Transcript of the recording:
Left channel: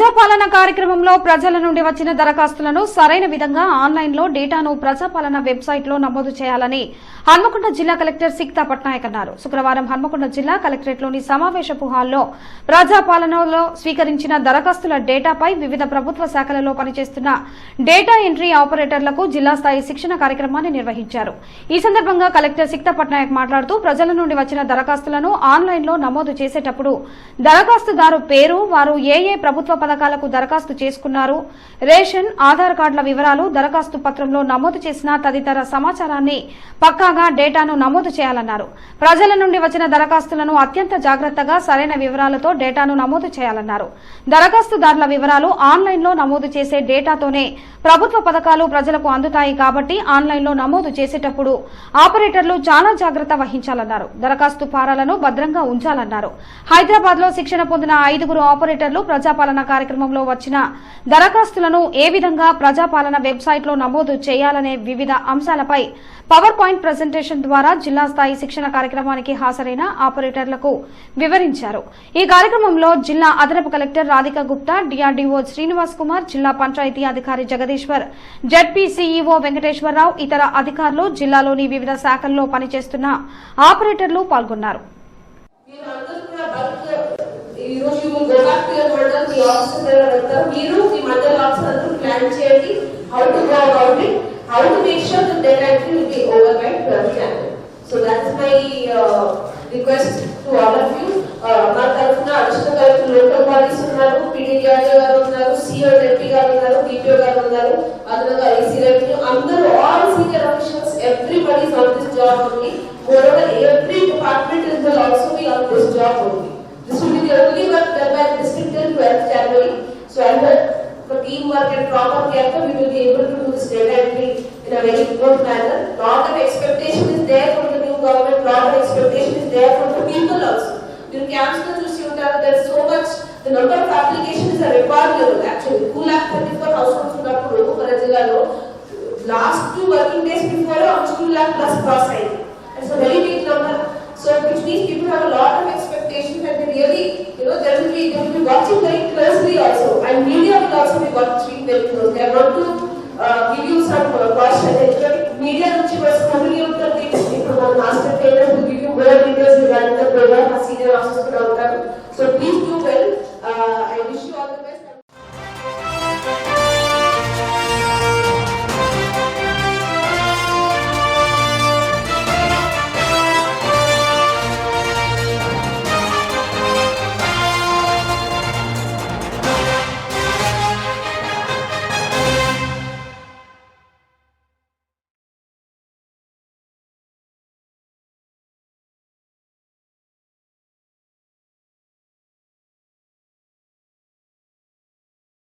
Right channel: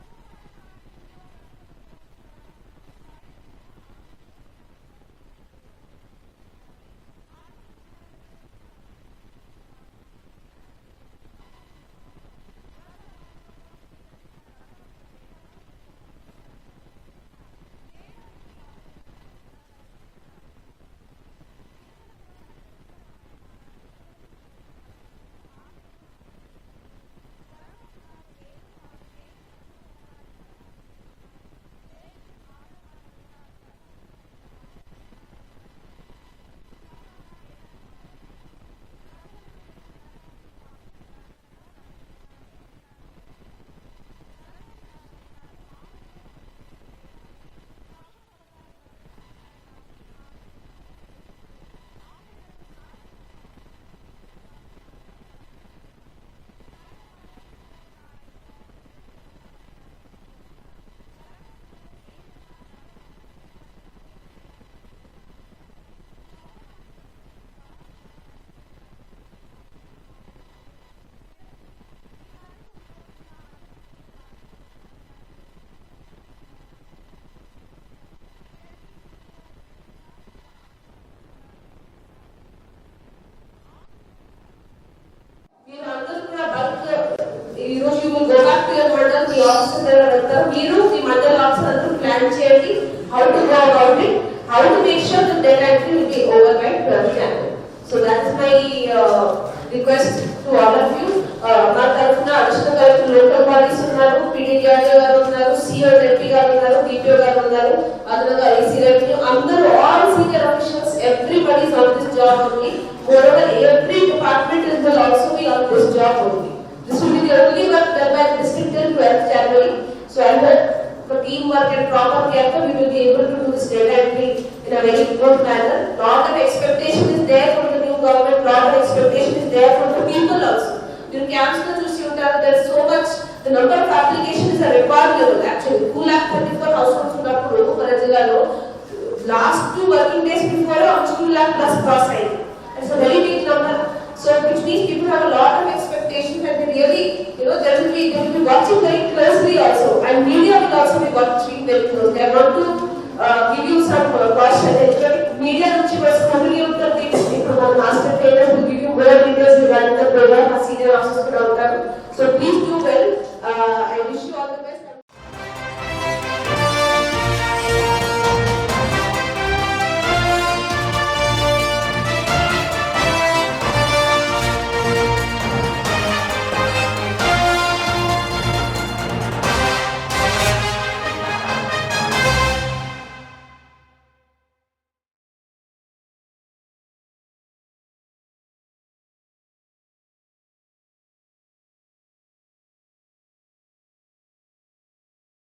ప్రజాపాలన కార్యక్రమంలో ప్రజల నుండి వచ్చిన దరఖాస్తులను సరైన విధంగా ఆన్లైన్లో డేటాను ప్రజాపాలన వెబ్సైట్లో నమోదు చేయాలని హన్మకొండ జిల్లా కలెక్టర్ సిక్తా పట్నాయక్ అన్నారు. శుక్రవారం హన్మకొండ జిల్లా కలెక్టరేట్లోని సమావేశపు హాల్లో ప్రజాపాలనలో స్వీకరించిన దరఖాస్తుల డేటాపై వివిధ ప్రభుత్వ శాఖలలో పనిచేస్తున్న డేటా ఎంట్రీ ఆపరేటర్లకు జిల్లా స్థాయి శిక్షణ కార్యక్రమాన్ని నిర్వహించారు. ఈ సందర్భంగా కలెక్టర్ సిక్తా పట్నాయక్ మాట్లాడుతూ ప్రజల నుండి వచ్చిన దరఖాస్తులను ఆన్లైన్లో నమోదు చేసేటప్పుడు దరఖాస్తుదారు పేరు, వారు ఏ ప్రభుత్వ పథకాలకు దరఖాస్తు చేసుకున్నారు, రేషన్, ఆధార్ కార్డుల వివరాలు దరఖాస్తు పత్రంలో నమోదు చేసిన తదితర సమాచారాన్ని పక్కాగా డేటాను నమోదు చేయాలన్నారు. ప్రజల నుండి వచ్చిన దరఖాస్తులను అత్యంత జాగ్రత్తగా సరైన వివరాలతో డేటాను నమోదు చేయాలన్నారు. దరఖాస్తుదారుల వివరాలు ఆన్లైన్లో నమోదు చేసే డేటాతోనే ప్రభుత్వ పథకాలు ప్రజలకు అందుతాయి కాబట్టి ఆన్లైన్లో నమోదు చేసేటప్పుడు ఆపరేటర్లు చాలా జాగ్రత్త వహించాలన్నారు. దరఖాస్తు ఫారాలను భద్రంగా ఉంచాలన్నారు. హైదరాబాద్ లో శిక్షణ పొందిన 5 ఆపరేటర్లు ప్రజాపాలన కార్యక్రమంలో వచ్చిన దరఖాస్తులను ఏ విధంగా ప్రజాపాలన వెబ్సైట్లో నమోదు చేయాలనే వివిధ అంశాలపై పవర్ పాయింట్ ప్రెజెంటేషన్ ద్వారా జిల్లా స్థాయి శిక్షణ కార్యక్రమానికి హాజరైన ఆపరేటర్లకు వివరించారు. ఈ కార్యక్రమంలో జిల్లా అదనపు కలెక్టర్ రాధికా గుప్తా, డిఆర్డీఓ శ్రీనివాస్ కుమార్, జిల్లా పంచాయతీ అధికారి జగదీశ్వర్, జెడ్పీ సీఈఓ వెంకటేశ్వరరావు, ఇతర అధికారులు, జిల్లాలోని వివిధ శాఖల్లో పనిచేస్తున్న ఆపరేటర్లు పాల్గొన్నారు. How to make sure that data entry will be over by 12 January. So that is my request to all of you. నా తరఫున అడిషనల్ కలెక్టర్ లోకల్ బాడీస్ ఉన్నారు, పీడీడీఆర్ఏ గారు ఉన్నారు, సిఓ జెడ్పీ గారు ఉన్నారు, డిపిఓ గారు ఉన్నారు, అదనంగా ఐసీ రెవెన్యూ, అందరూ all senior officials, everybody is on this job only. Moreover, every department will also be on this job only. This will be the only work done by the district till 12th January. So I hope for teamwork and proper care, we will be able to do this data entry in a very good manner. Lot of expectation is there from the new government, lot of expectation is there from the people also. You can choose there is so much, the number of applications are record level actually. 2,34,000 households unnappudu mana jillalo last 2 working days before 2 lakh plus cross ayyindi. It's a very big number. So which means people have a lot of expectations and they really, they will be watching very closely also, and media will also be watching very closely. I want to give you some caution. Media nunchi scrutiny untadi. ఇప్పుడు మన master trainer will give you more details regarding the program. Senior officers కూడా ఉంటారు. So please do well. I wish